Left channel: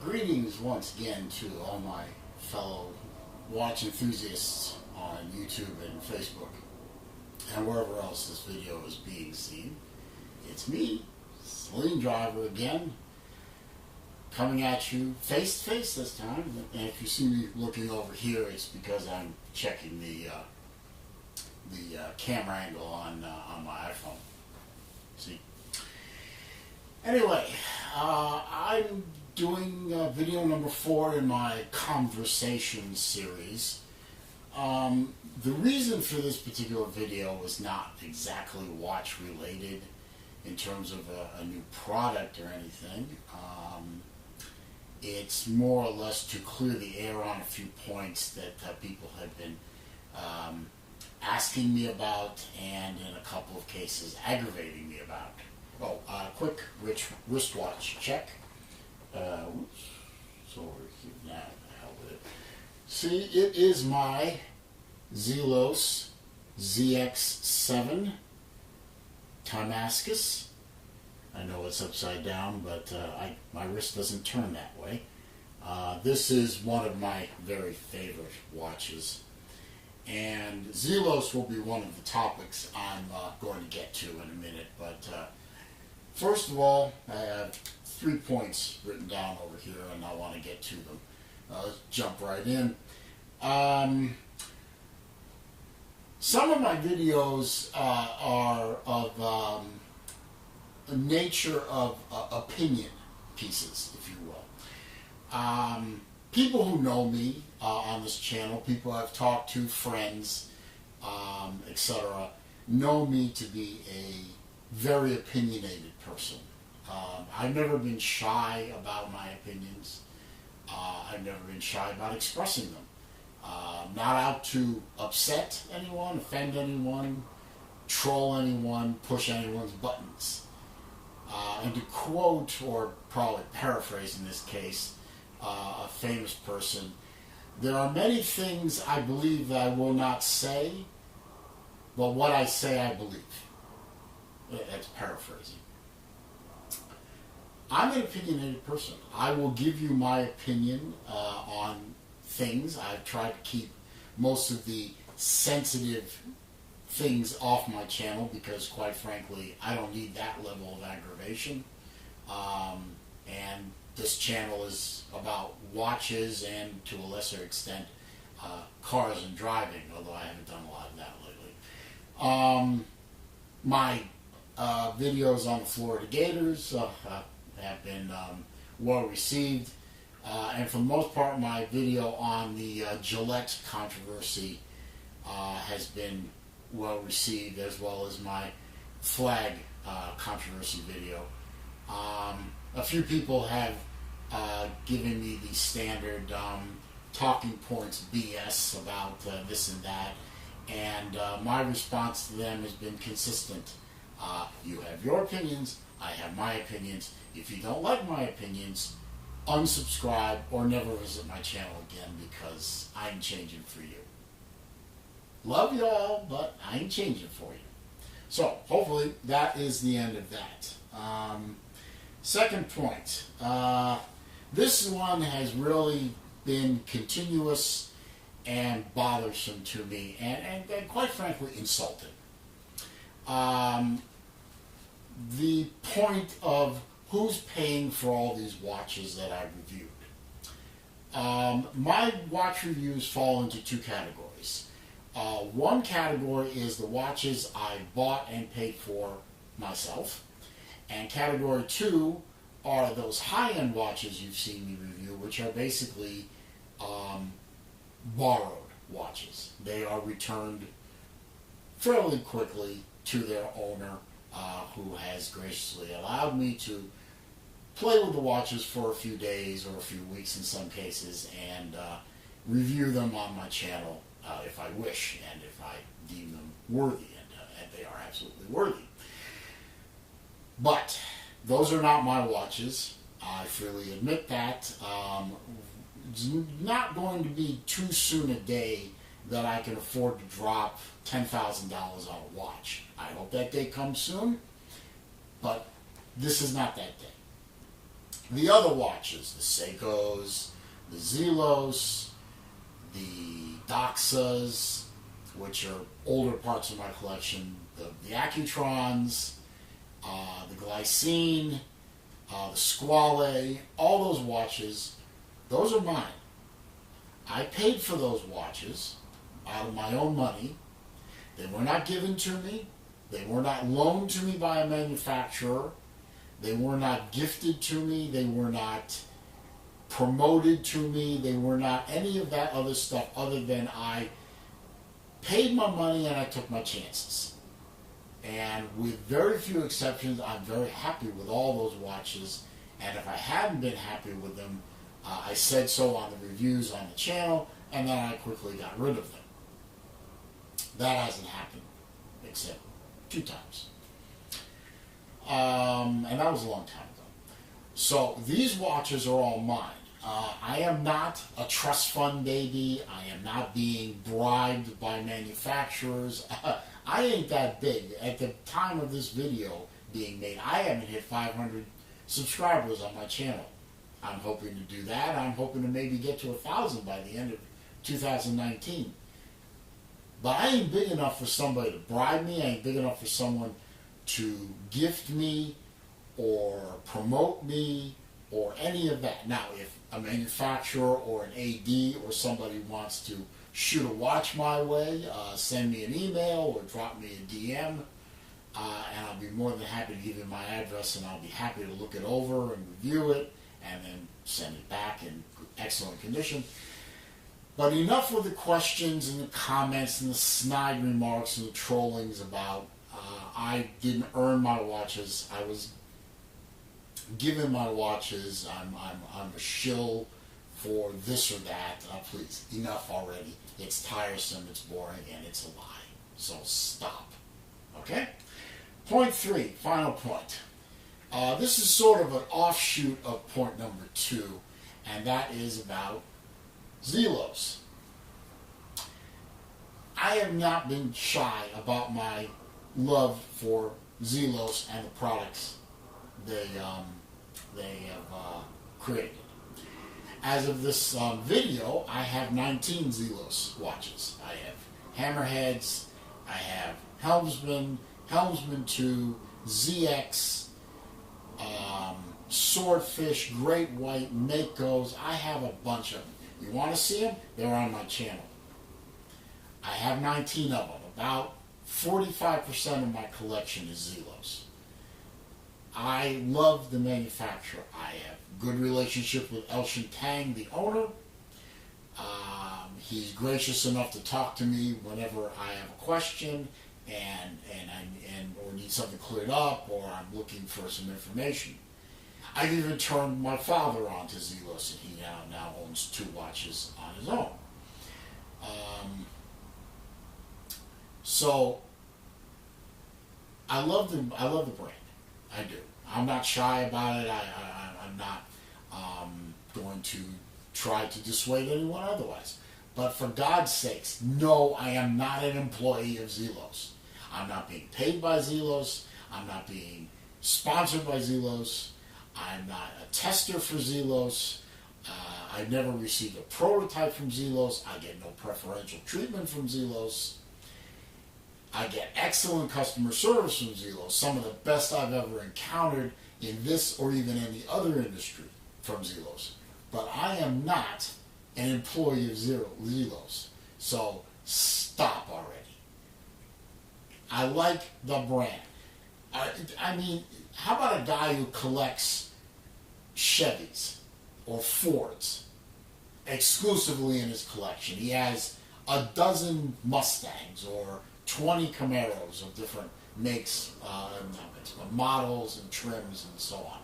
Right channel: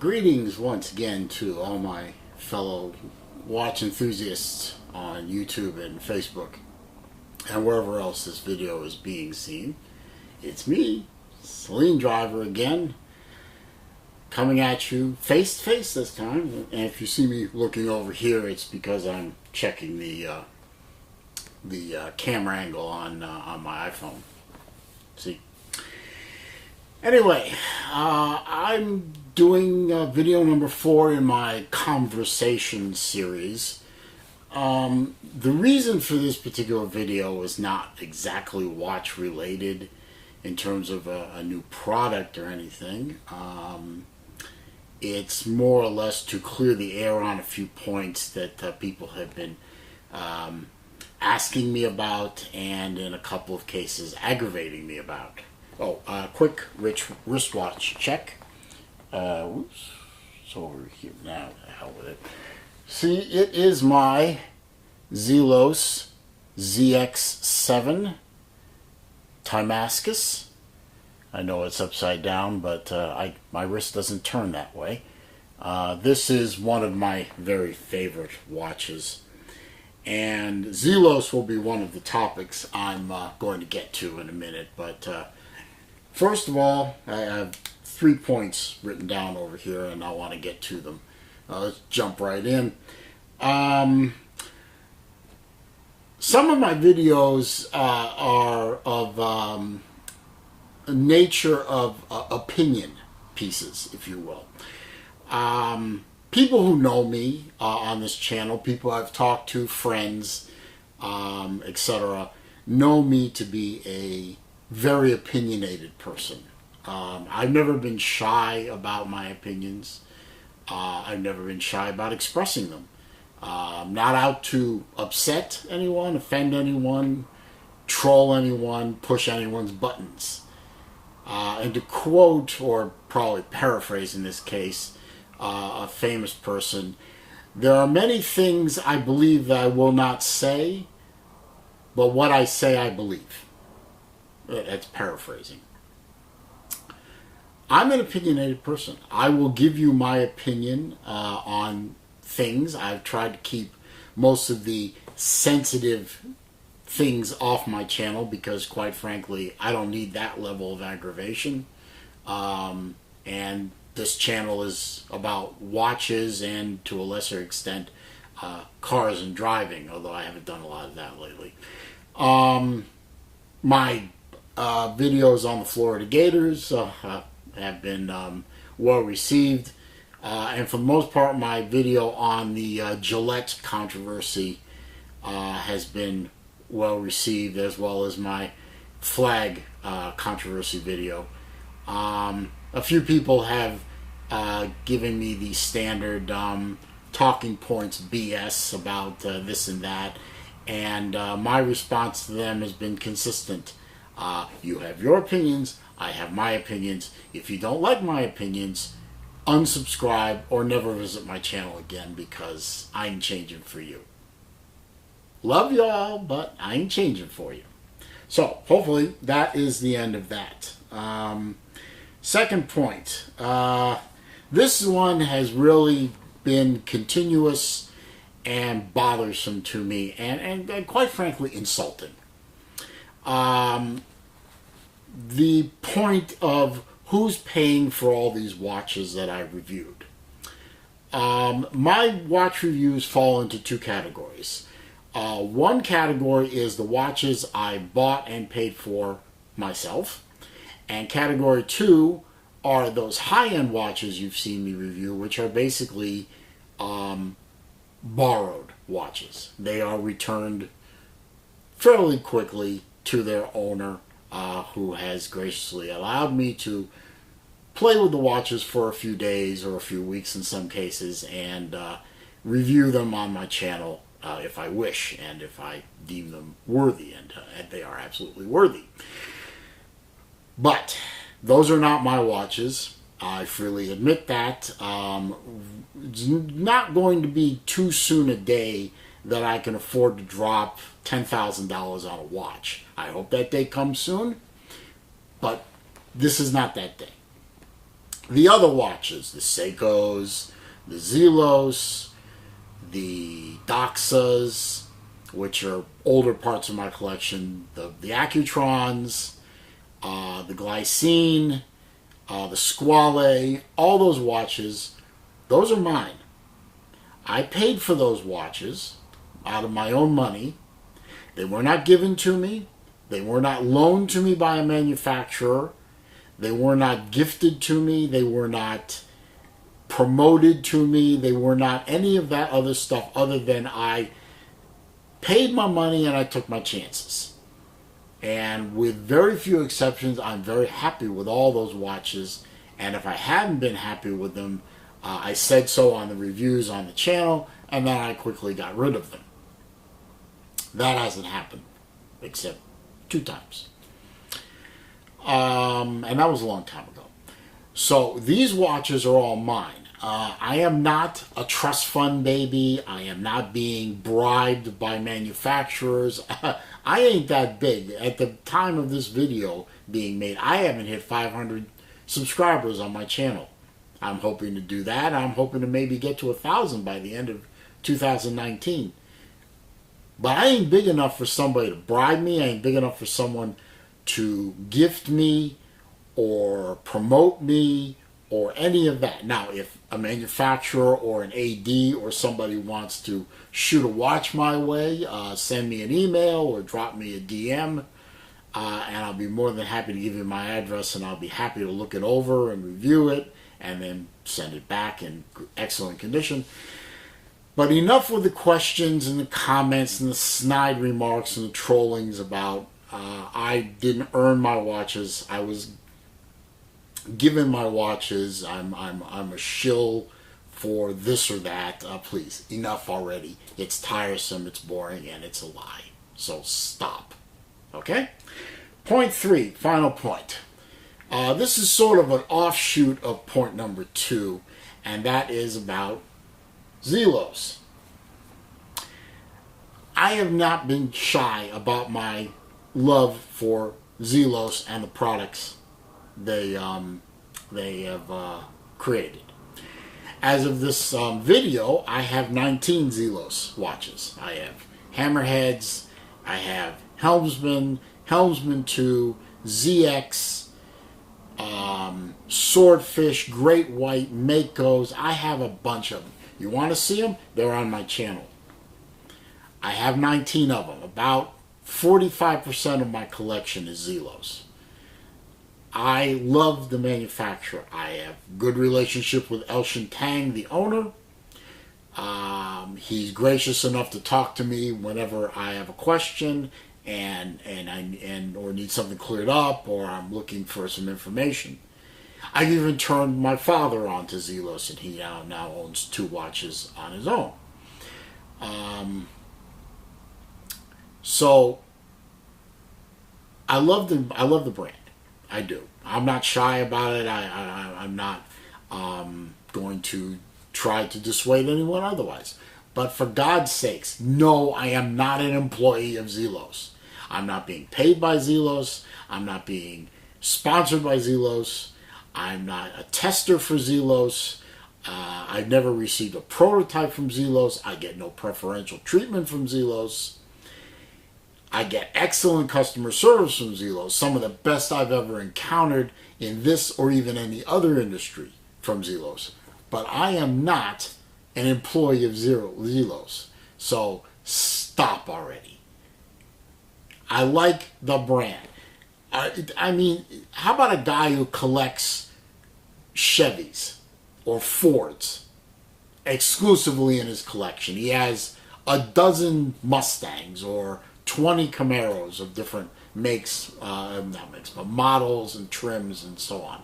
Greetings once again to all my fellow watch enthusiasts on YouTube and Facebook and wherever else this video is being seen. It's me, Saleen Driver again, coming at you face to face this time. And if you see me looking over here, it's because I'm checking the camera angle on my iPhone. See. Anyway, I'm doing video number 4 in my conversation series. The reason for this particular video is not exactly watch related in terms of a new product or anything. It's more or less to clear the air on a few points that people have been asking me about, and in a couple of cases aggravating me about. Quick wristwatch check. Oops, it's over here now. The hell with it. See, it is my Zelos ZX7 Timascus. I know it's upside down, but my wrist doesn't turn that way. This is one of my very favorite watches. And Zelos will be one of the topics I'm going to get to in a minute, but first of all, I have 3 points written down over here, and I want to get to them. Let's jump right in. Some of my videos are of nature of opinion pieces, if you will. People who know me on this channel, people I've talked to, friends, etc., know me to be a very opinionated person. I've never been shy about my opinions. I've never been shy about expressing them. I'm not out to upset anyone, offend anyone, troll anyone, push anyone's buttons. And to quote, or probably paraphrase in this case, a famous person, there are many things I believe that I will not say, but what I say I believe. That's paraphrasing. I'm an opinionated person. I will give you my opinion on things. I've tried to keep most of the sensitive things off my channel because, quite frankly, I don't need that level of aggravation. And this channel is about watches and, to a lesser extent, cars and driving, although I haven't done a lot of that lately. My videos on the Florida Gators have been well received, and for the most part my video on the Gillette controversy has been well received, as well as my flag controversy video. A few people have given me the standard talking points BS about this and that, and my response to them has been consistent. You have your opinions, I have my opinions. If you don't like my opinions, unsubscribe or never visit my channel again, because I ain't changing for you. Love y'all, but I ain't changing for you. So, hopefully, that is the end of that. Second point. This one has really been continuous and bothersome to me, and quite frankly, insulting. The point of who's paying for all these watches that I reviewed. My watch reviews fall into 2 categories. One category is the watches I bought and paid for myself, and category 2 are those high-end watches you've seen me review, which are basically borrowed watches. They are returned fairly quickly to their owner, who has graciously allowed me to play with the watches for a few days or a few weeks in some cases, and review them on my channel if I wish, and if I deem them worthy, and they are absolutely worthy. But those are not my watches. I freely admit that. It's not going to be too soon a day that I can afford to drop $10,000 on a watch. I hope that day comes soon, but this is not that day. The other watches, the Seikos, the Zelos, the Doxas, which are older parts of my collection, the Accutrons, the Glycine, the Squale, all those watches, those are mine. I paid for those watches out of my own money. They were not given to me. They were not loaned to me by a manufacturer. They were not gifted to me. They were not promoted to me. They were not any of that other stuff other than I paid my money and I took my chances. And with very few exceptions, I'm very happy with all those watches. And if I hadn't been happy with them, I said so on the reviews on the channel, and then I quickly got rid of them. That hasn't happened, except 2 times. And that was a long time ago. So these watches are all mine. I am not a trust fund baby. I am not being bribed by manufacturers. I ain't that big. At the time of this video being made, I haven't hit 500 subscribers on my channel. I'm hoping to do that. I'm hoping to maybe get to 1,000 by the end of 2019. But I ain't big enough for somebody to bribe me. I ain't big enough for someone to gift me or promote me or any of that. Now, if a manufacturer or an AD or somebody wants to shoot a watch my way, send me an email or drop me a DM, and I'll be more than happy to give you my address, and I'll be happy to look it over and review it and then send it back in excellent condition. But enough with the questions and the comments and the snide remarks and the trollings about I didn't earn my watches. I was given my watches. I'm a shill for this or that. Please, enough already. It's tiresome, it's boring, and it's a lie. So stop. Okay? Point 3, final point. This is sort of an offshoot of point number 2, and that is about Zelos. I have not been shy about my love for Zelos and the products they have created. As of this video, I have 19 Zelos watches. I have Hammerheads, I have Helmsman, Helmsman 2, ZX, Swordfish, Great White, Makos. I have a bunch of them. You want to see them? They're on my channel. I have 19 of them. About 45% of my collection is Zelos. I love the manufacturer. I have good relationship with Elshin Tang, the owner. He's gracious enough to talk to me whenever I have a question or need something cleared up, or I'm looking for some information. I've even turned my father on to Zelos, and he now owns 2 watches on his own. So I love the brand. I do. I'm not shy about it. I'm not going to try to dissuade anyone otherwise. But for God's sakes, no, I am not an employee of Zelos. I'm not being paid by Zelos. I'm not being sponsored by Zelos. I'm not a tester for Zelos. I've never received a prototype from Zelos. I get no preferential treatment from Zelos. I get excellent customer service from Zelos, some of the best I've ever encountered in this or even any other industry from Zelos. But I am not an employee of Zelos. So stop already. I like the brand. I mean, how about a guy who collects Chevys or Fords exclusively in his collection? He has a dozen Mustangs or 20 Camaros of different makes, models and trims and so on.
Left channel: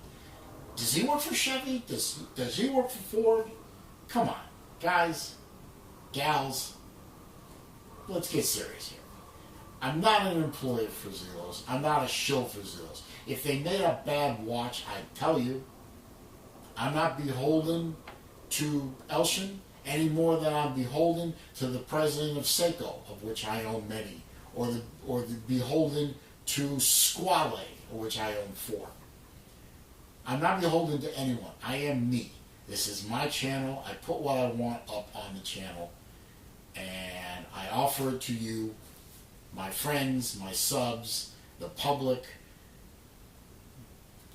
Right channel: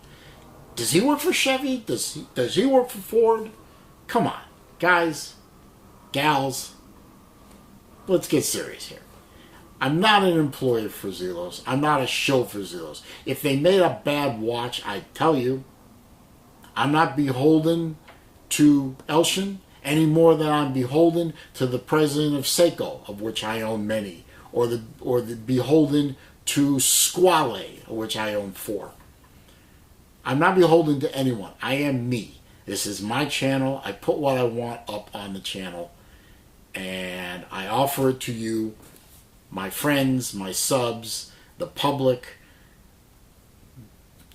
Does he work for Chevy? Does he work for Ford? Come on, guys, gals, let's get serious here. I'm not an employee for Zelos. I'm not a shill for Zelos. If they made a bad watch, I'd tell you. I'm not beholden to Elshin any more than I'm beholden to the president of Seiko, of which I own many, or the beholden to Squale, of which I own 4. I'm not beholden to anyone. I am me. This is my channel. I put what I want up on the channel, and I offer it to you, my friends, my subs, the public.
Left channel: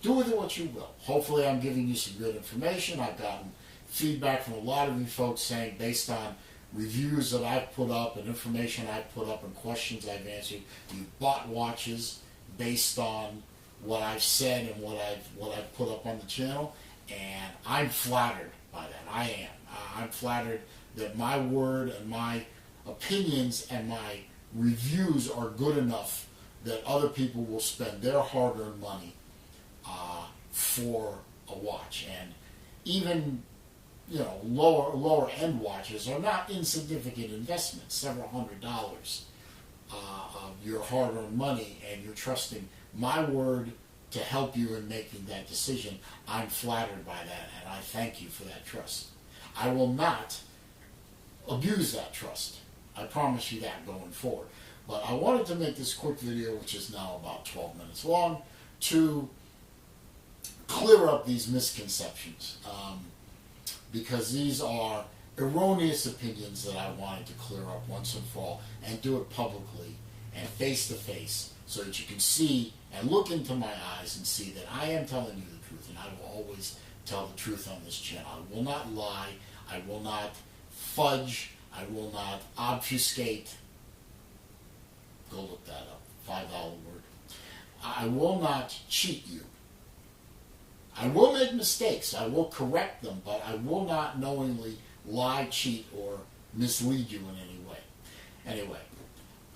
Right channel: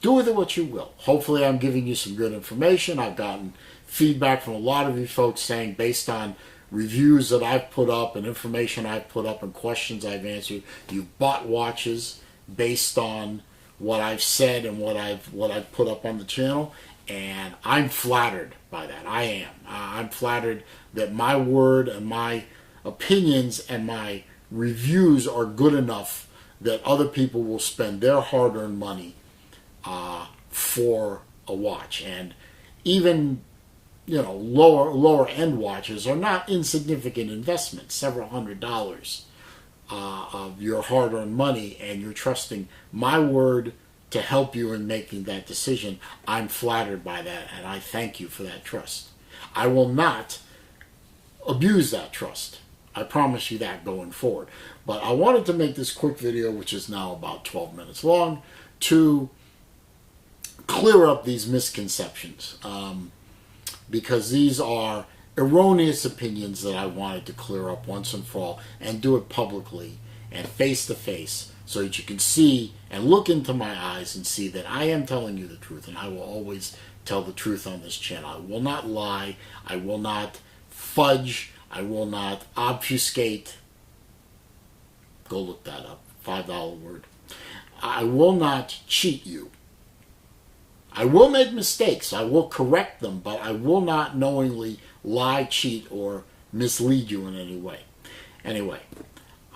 Do with it what you will. Hopefully I'm giving you some good information. I've gotten feedback from a lot of you folks saying, based on reviews that I've put up and information I've put up and questions I've answered, you've bought watches based on what I've said and what I've put up on the channel, and I'm flattered by that. I am. I'm flattered that my word and my opinions and my reviews are good enough that other people will spend their hard-earned money for a watch. And even, you know, lower end watches are not insignificant investments, several $100s of your hard-earned money, and you're trusting my word to help you in making that decision. I'm flattered by that, and I thank you for that trust. I will not abuse that trust. I promise you that going forward. But I wanted to make this quick video, which is now about 12 minutes long, to clear up these misconceptions, because these are erroneous opinions that I wanted to clear up once and for all, and do it publicly and face to face, so that you can see and look into my eyes and see that I am telling you the truth, and I will always tell the truth on this channel. I will not lie. I will not fudge. I will not obfuscate. Go look that up. $5 word. I will not cheat you. I will make mistakes. I will correct them, but I will not knowingly lie, cheat, or mislead you in any way. Anyway,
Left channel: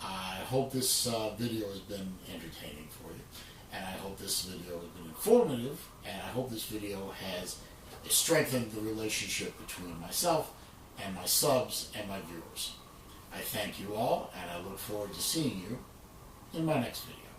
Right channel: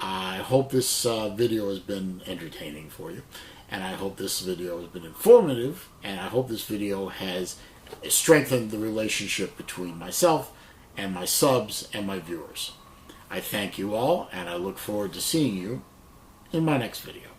I hope this video has been entertaining for you, and I hope this video has been informative, and I hope this video has strengthened the relationship between myself and my subs and my viewers. I thank you all, and I look forward to seeing you in my next video.